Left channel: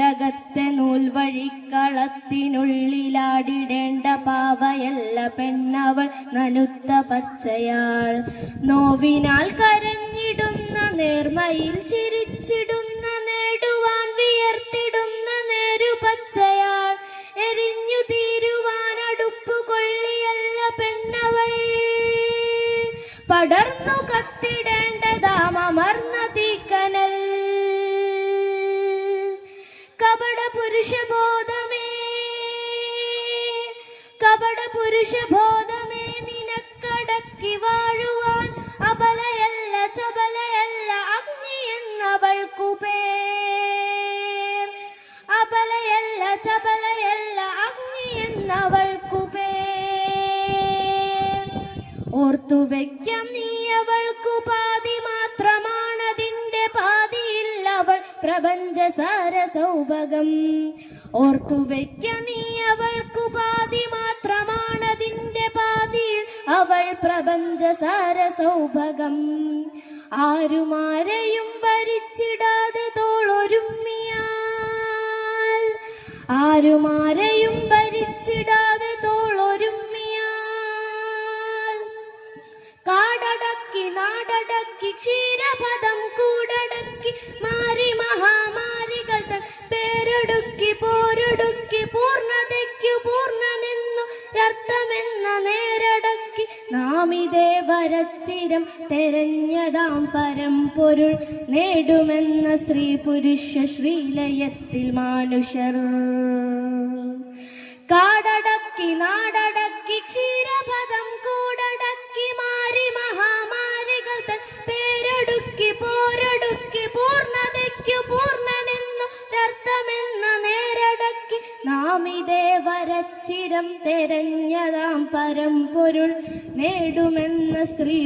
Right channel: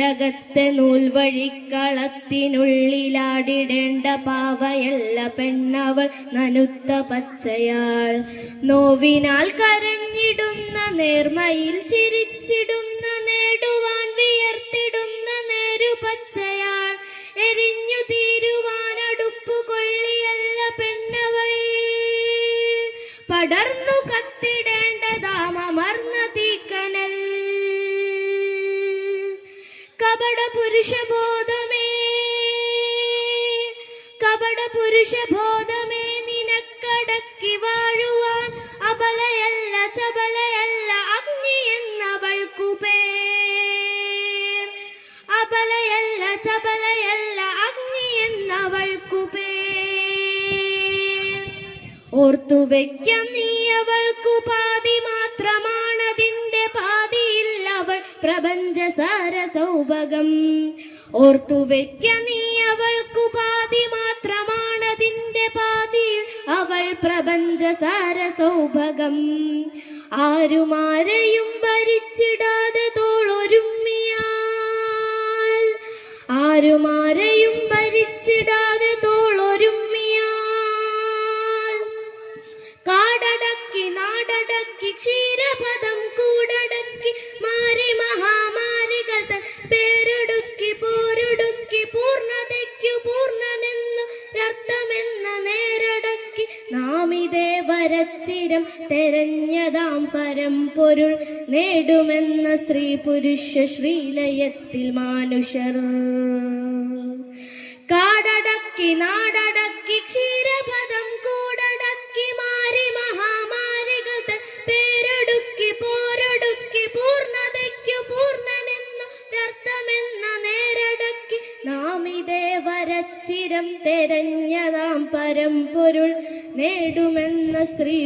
വീടകത്തെ നൂൽവഴിക്കളത്തിനുള്ളിലാടിടേണ്ട പാവയല്ല പെണ്ണവൾ നനുത്ത പച്ചയാൾ. നോവിനാൽ കരഞ്ഞിടുന്ന നേർമയിൽ ചിരിച്ചിടുന്ന നേടുവാൻ വിയർത്തിടുന്ന നേരുപച്ചയാൾ. എരിഞ്ഞു തീരുവാൻ അടുപ്പു കൊള്ളിയല്ല പെണ്ണവൾ, പടർന്നു കത്തിടേണ്ടതാമർന്ന തീക്കനൽ. കപട പുരുഷബോധമേ നിനക്കടക്കി വാഴുവാൻ അബലയല്ല ചബലയല്ല അഗ്നി എന്നവൾക്കു പേർ. അബലയല്ല ചബലയല്ല അഗ്നി എന്നവൾക്കു പേർ. ഓർത്തുവെക്കാം നീ അവൾക്കു പാതി മാത്രമാണതിന്റെ പാതിയിൽ അവൾ പ്രപഞ്ചസാര സൗഭഗം. ഓർത്തുവെക്കാം നീ അവൾക്കു പാതി മാത്രമാണതിന്റെ പാതിയിൽ അവൾ പ്രപഞ്ചസാര സൗഭഗം. ആരുമാരെയും ഭരിച്ചിടാതെ തോളൊരുമ്മിയാൽ, ആരുമാരെയും ഭരിച്ചിടാതെ തോളൊരുമ്മിയാൽ. കാടടക്കി നാടടക്കി ക്ഷീരപദം കൂടടക്കി മാരി മഹാമാരികൾ തൻ പേരൊടുക്കി പോരൊടുക്കി പൂർണ്ണതയ്ക്കു പൂർണ്ണനെന്നു അർത്ഥമെന്ന നേരടക്കി നാമിതേ വരച്ചിരം തെരഞ്ഞതാം പരമ്പൊരുൾ നേടുമെന്ന സ്ത്രീ പുരുഷ ശ്രീലയത്തിൽ മാനുഷർ. കാടടക്കി നാടടക്കി ക്ഷീരപദം കൂടടക്കി മാരി മഹാമാരികൾ തൻ പേരൊടുക്കി പോരൊടുക്കി പൂർണ്ണതയ്ക്കു പൂർണ്ണനെന്നു അർത്ഥമെന്ന നേരടക്കി നാമിതേ വരച്ചിരം തെരഞ്ഞതാം പരമ്പൊരുൾ നേടുമെന്ന സ്ത്രീ